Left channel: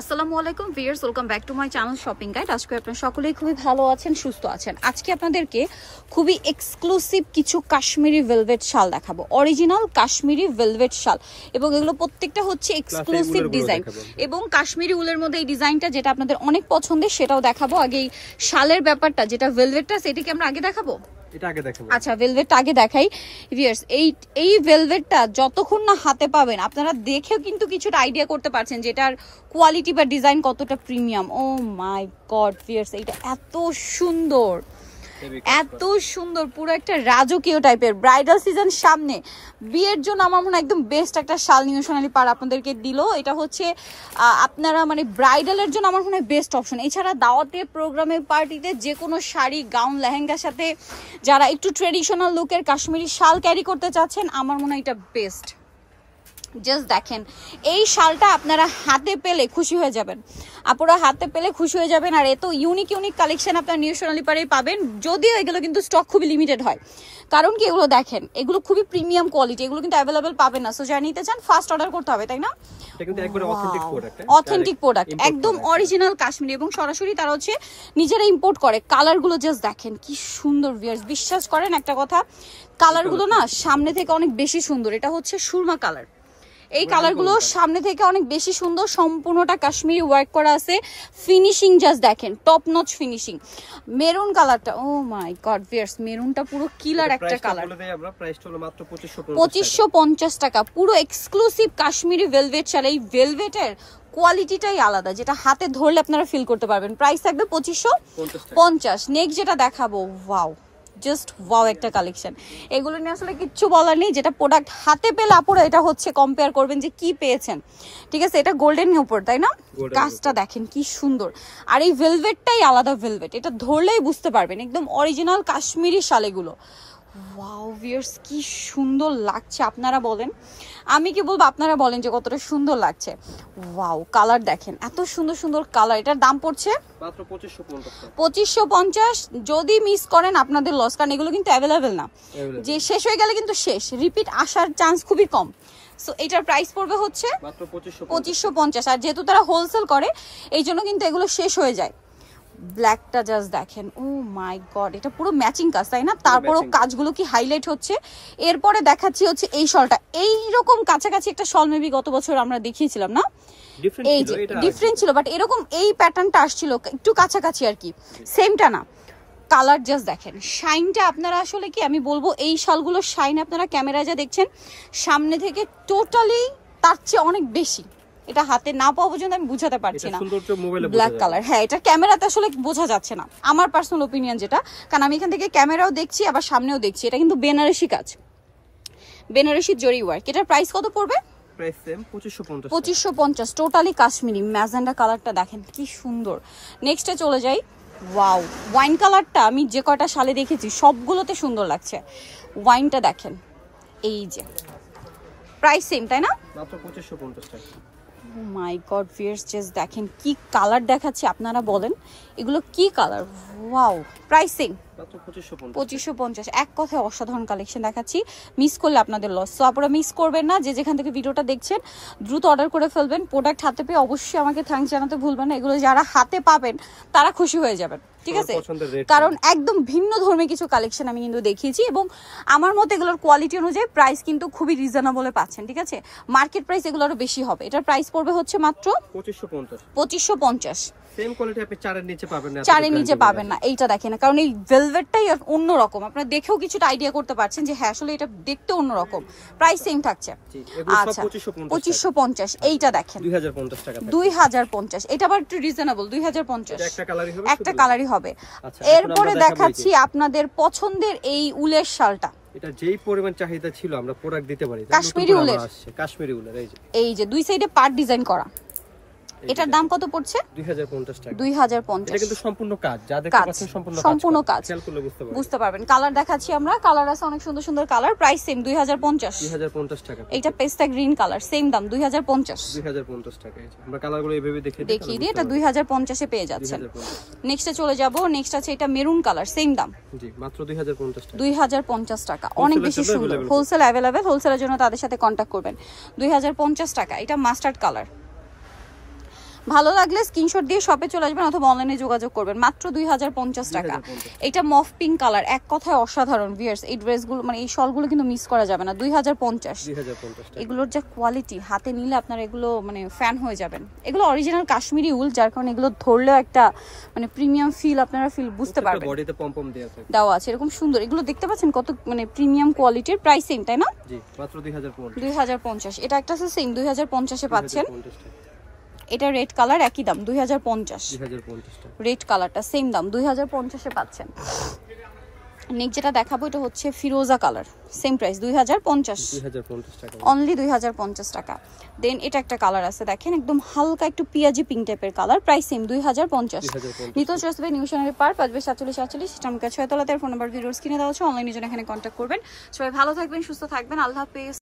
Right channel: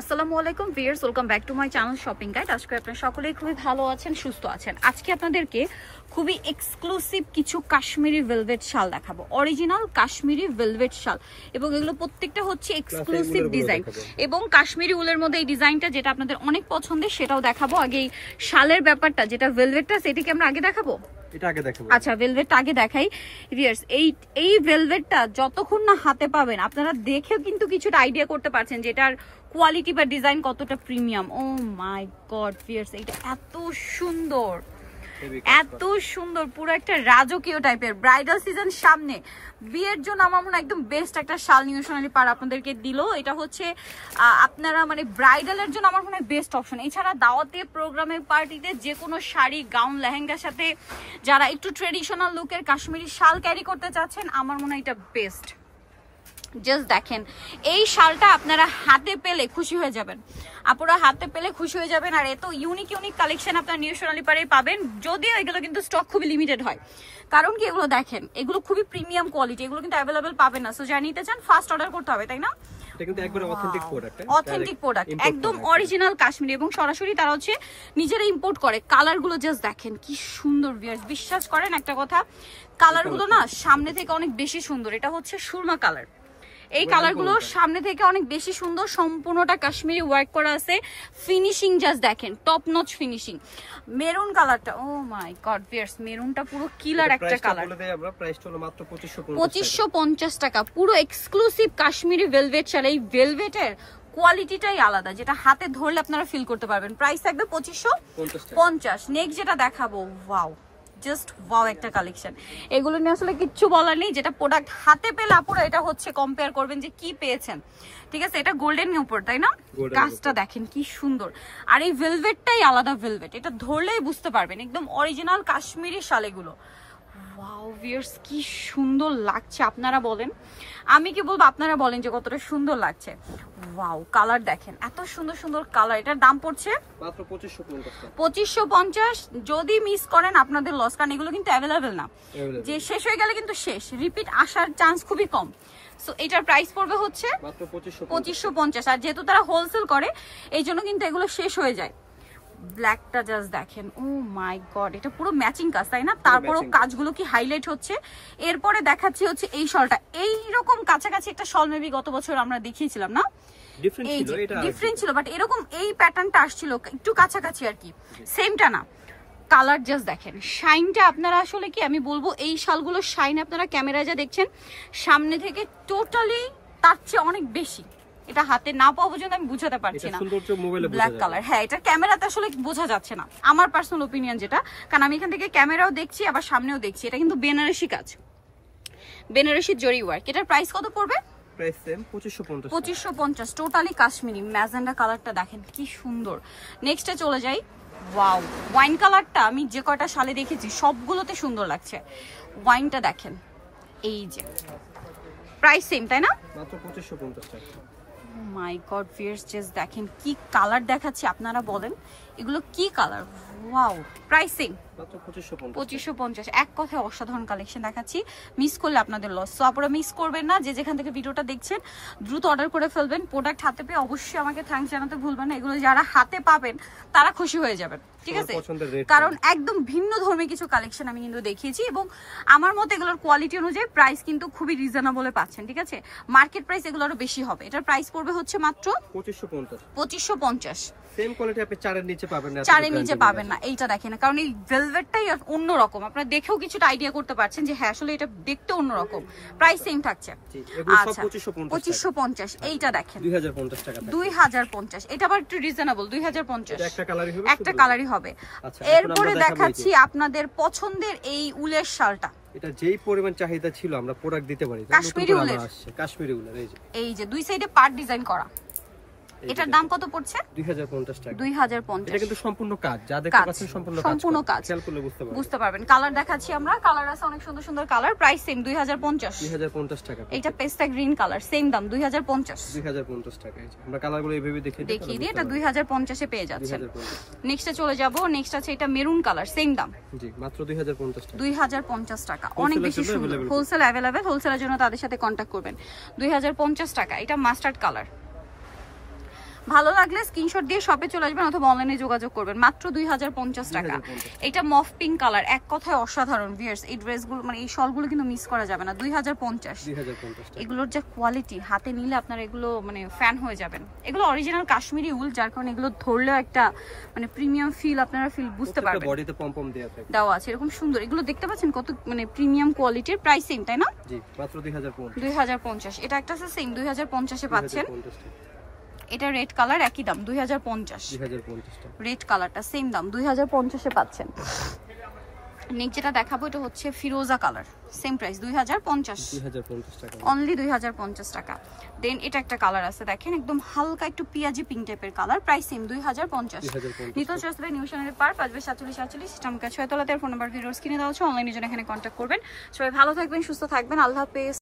আসসালামু আলাইকুম viewers, welcome back to my channel shopping guide. আজকে আপনারা সকলেই খুবই ভালো আছেন, সুস্থ আছেন। আজকে আপনাদেরকে খুবই এক্সক্লুসিভ কিছু কাশ্মীরি ভেলভেট শাল দেখাবো, অরিজিনাল কাশ্মীরি ভেলভেট শাল, এবং এগুলো প্রত্যেকটা হচ্ছে এক্সক্লুসিভ ডিজাইন এবং কাশ্মীরি উলের মধ্যে এই ডিজাইনটা যেটা আপনাদের অনেক পছন্দের সেটাও দেখাবো। আগে এই শালের ব্যাপারটা যেটা ভেলভেটটা সেটাকে আমরা আগে দেখাবো। আচ্ছা, ভেলভেটটা আগে দেখাই ভিউয়ার্স। এই ভেলভেটটা যতক্ষণ না হাতে পাবেন আপনারা দেখেও কিন্তু কিছুটা আইডিয়া করতে পারছেন যে এটার কোয়ালিটি বা ডিজাইন কতটা প্রিমিয়াম। ও মাই গড ভিউয়ার্স, এটা এত সুন্দর, এত সুন্দর, পুরো একটা রাজকীয় টাইপের। ব্রাইডাল সিজন সামনে, বিয়ের জন্য আমার মনে হয় একদম বেস্ট একটা শাল নিউ সোনালী পাড় আপনাদেরকে দিল। এটা হচ্ছে আপনারা মানে ব্রাইডালের জন্য আমার মনে হয় বেস্ট অপশন। এছাড়া দাওয়াতে, প্রোগ্রামে, পার্টিতে যে কোনো শাড়ি, গাউন, লেহেঙ্গার সাথে যারা একটু ট্রেডিশনাল লুকের কাশ্মীরি শাল ক্যারি করতে চাচ্ছেন আমার মনে হয় এটা বেস্ট। জাস্ট দেখেন, এই শালটা আপনারা হাতে পেলে খুশি হয়ে যাবেন, আপুরা হাতে পেলে খুশি হয়ে যাবেন। আর এত ইউনিক ইউনিক কালেকশন আপনার নিউ সোনালী পাড়ায় পাবেন, যদিও এগুলো কিন্তু স্টক খুবই লিমিটেড হয়। কারণ কি, এগুলো দেখেন, এগুলো খুবই প্রিমিয়াম কোয়ালিটি, এগুলো কিন্তু অ্যাভেলেবেল পাবেন না। সো যারা নিতে চান ফার্স্ট অর্ডার করতে হবে, তাই না? এটা কিন্তু একবারে অথেন্টিক প্রোডাক্ট, অথেন্টিক প্রোডাক্ট, একদম অরিজিনাল কাশ্মীরি, এবং সরাসরি তারা হচ্ছে নিজেরা ইম্পোর্ট করে। কালারগুলো জাস্ট দেখেন কি সুন্দর ভিউয়ার্স, বিশ্বাস করেন একটা কথা, কালারগুলো না সামনে থেকে অনেক বেশি সুন্দর। এটা হচ্ছে সুরমা কালার, এই কালারগুলো সামনে থেকে অনেক বেশি সুন্দর, সম্পূর্ণটা কাশ্মীরি ওয়ার্ক করা আছে। ফিনিশিং জাস্ট দেখেন, টপ নচ ফিনিশিং। মেরুন কালারটা, ও মাই গড ভিউয়ার্স, মেরুনটা পুরো কিলার একটা কালার। আমরা প্রাইস হলো মাত্র 2550 টাকা, পুরো এক্সক্লুসিভ কাশ্মীরি ভেলভেট শাল। এই ভেলভেটের কোয়ালিটিটাই আলাদা, যেটা হাতে ধরলে আপনারা ফিল করতে পারবেন। প্রাইস থাকবে 2550। নেক্সট যেটা দেখাবো, ওয়াও, জাস্ট ওয়াও একটা কালেকশন। এগুলো নিয়ে আসলে কিচ্ছু বলার নেই, যেটা প্রোডাক্ট হাতে পেলে আপুরা এটা হচ্ছে কম্পেয়ার করবেন যে কি পেয়েছেন। ঠিক আছে, এটা গোল্ডেন উপর, তাই না? কাজটা দেখেন কি সুন্দর। আর এই ভেলভেটটাই আলাদা ভেলভেট, এটা ধরলেই বুঝতে পারবেন একদম অরিজিনাল কাশ্মীরি শাল এগুলো। ওয়াও ভিউয়ার্স, কি সুন্দর লাগছে, আপনারা বলেন, আমি কি বলবো, আপনারা বলেন যে কতটা সুন্দর লাগছে। ওয়াও, কালার দেখেন, এত সুন্দর সুন্দর কালার। এটার দাম পড়ছে মাত্র 2550। যদি মিস করেন আপনাদের লস, কারণ এগুলো কিন্তু অ্যাভেলেবেল না, যে শেষ হয়ে গেলে কিন্তু শেষ, রিপিট আসার চান্স খুবই কম। সো এটার প্রাইস পড়বে হচ্ছে মাত্র 2550। আর যেহেতু তারা হোলসেল করে এই জন্য কিন্তু এগুলো শেষ হয়ে যায়। ব্ল্যাকটা জাস্ট দেখেন, ও মাই গড, এটা পুরো ম্যাচিং কাজ, তাই না? তারপরও কাজগুলো কি হাইলাইট হচ্ছে। এরপরে দেখাচ্ছি হচ্ছে এই শলটা, এইরকম কাছাকাছি একটা শল মেবি গত বছর আমরা দেখিয়েছিলাম না, এই যে ডিফারেন্ট ছিল, বাট এরকম এই প্যাটার্নটা আসছিল একটু কাছাকাছি আর কি, সেমটা না। কালার জাস্ট দেখেন, শাইনটা আপনারা আসলে কি আমি বলবো, এই শালগুলোর শাইন আপনারা ক্যামেরায় যা দেখছেন সামনে থেকে টোটালি তার চেয়ে অনেক বেশি। এটা হাতে না পাওয়া পর্যন্ত আমি বুঝাতে পারছি না। ব্ল্যাক কালার, হ্যাঁ, এটা ক্যামেরাতে আসলে বোঝা যাচ্ছে না, আমার পার্সোনাল ওপিনিয়ন যেটা, কারণ আমি এখান থেকে ক্যামেরাও দেখছি আবার সামনেও দেখছি। এটা কিন্তু বেনারসি কাজ, বেনারসি জরি ওয়ার্ক। এটার প্রাইস কত পড়বে? Price same 2550, totally Kashmiri. Magenta কালারটা দেখেন কি সুন্দর। নেক্সটে চলে যাই। ওয়াও, ওয়াইন কালারটা আমি যে কয়টা শালে দেখেছি সবগুলোতে সুন্দর লাগছে। ওয়াইনটা দেখেন, এই যে প্রাইস সেম, তাই না? মাত্র 2550 টাকা। ও মাই গড ভিউয়ার্স, জাস্ট দেখেন কি কালার দেখাচ্ছি, আপনারা বলেন এগুলো কি কালার। ওয়াও, প্রাইসিং মাত্র 2550। এক কথায় অসাধারণ কালেকশন দেখাচ্ছি, মিস করলে আপনাদের লস। সো আপনারা মিস করবেন না, যে যেখান থেকে ভিডিওটা দেখছেন দ্রুত অর্ডার করে ফেলবেন। প্রোডাক্ট হাতে পেয়ে অবশ্যই আমাকে থ্যাঙ্কস জানাতে ভুলবেন না। এগুলো যারা হাতে পাবেন তারা খুশি হয়ে যাবেন, ঠিক আছে? কারণ একদম ভিন্ন ধর্মী কিছু কালেকশন আমি কিন্তু দেখিয়েছি, এবং আমার মতে এগুলোর কোয়ালিটি অনুযায়ী প্রাইস কিন্তু খুবই রিজনেবলে পাচ্ছেন, ঠিক আছে? মার্কেট প্রাইস এগুলোরও বেশি হবে। এটার প্রাইস পড়বে হচ্ছে মাত্র 2550। সেম কোয়ালিটি আপনি 4 এর নিচে পাবেন না, 4 এর নিচে পাবেন না। এইটা দেখেন, কারণ এই ভেলভেটটাই অন্যরকম, আপনারা দেখেও কিছুটা আইডিয়া করতে পারছেন যে হ্যাঁ আসলে এটা দেখতে অন্যরকম। প্রাইস সেম থাকছে, আচ্ছা 2550। এইটা দেখেন 2050 টাকা, 2050। এটা আবার একটু রিজনেবল, 2050। একটা কালারই হবে। আচ্ছা, এরপরে দেখাচ্ছি আপনাদের পছন্দের এই উলের শালটা। এটা যেই পরিমাণ চাহিদা ছিল আমরা প্রোডাক্ট দিতে পারি। কাশ্মীরি উলের, কাশ্মীরি উলের এই যে দুই সাইডে পার্ট ডিজাইন করা। এটার দাম কত পড়ছে? 2050 টাকা। 2050। এটা কিন্তু সম্পূর্ণ কাজ, যা দেখতে পাচ্ছেন সম্পূর্ণ কাজ, খেয়াল করলে বুঝতে পারবেন। কালার দেখাচ্ছি আমরা, কালার আছে অনেক সুন্দর সুন্দর কালার। প্রাইস সেম 2050 টাকা। এটা পেস্তা গ্রিন কালার, সেম দাম 2050 টাকা। আমরা কালারগুলো এইভাবে দেখিয়ে দিই, এটা 2050 এ পেয়ে যাচ্ছেন। নেক্সটে চলে যাব। নেক্সট আছে এটা মেরুন কালার, সেম দাম, জি মাত্র 2050 টাকা। 2050 টাকা, অনেক বেশি সুন্দর। হোলসেল अवेलेबल, হোলসেলের জন্য তাদের সাথে কন্টাক্ট করবেন। 2050 টাকা। এটা মাস্টার্ড কালার, ভালো লাগলে স্ক্রিনশট দিয়ে শপে চলে আসবেন অথবা অনলাইনে যোগাযোগ করবেন। মাত্র 2050 টাকা। এটা মফ পিঙ্ক কালার, এক কথায় অসাধারণ ভিউয়ার্স। এই ড্রেসগুলো মানে এই শলগুলো কিন্তু মিস করা যাবে না। 2050 টাকা। এগুলোর যে কোয়ালিটি, হাতে নিলে আপনারা এগুলো মানে ফ্যান হয়ে যাবেন। এগুলো অরিজিনাল কাশ্মীরি উল, যার কারণে এগুলো ধরলেও একটা মানে প্রিমিয়াম ফিল আপনারা ফিল বুঝতে পারবেন। বডিতে পমপম দেওয়া আছে এরকম সুন্দর। এগুলো দেখতে পাচ্ছেন কত মানে প্রিমিয়াম কোয়ালিটির। প্রাইস সেম তাই না? জি, মাত্র 2050। এটা একটা আছে সেম 2050 এ পাচ্ছেন। এটা রেড কালার, একই দাম 2050 টাকা। রেড কালারটা সেম দাম 2050 এ পাচ্ছেন। নেক্সট যেটা দেখাবো এটা হচ্ছে ফিরোজা কালার, সেম প্রাইস 2050 টাকা, অনলি 2050 টাকা। দেন এটা একটা কালার আছে দেখেন, একদম হালকা একটু পিয়াজি পিঙ্ক টাইপের কালার, প্রাইস সেম 2050। নিতো চসবে নিউশনারি পার্ক 5/47 ইসলামিকা 6 তলাতে। ফোন নাম্বার ভিডিওর স্ক্রিনে দেওয়া আছে, অনলাইনে জন্য এখানে কন্ট্যাক্ট করবেন। সবাই ভালো থাকবেন, সুস্থ থাকবেন, আল্লাহ হাফেজ।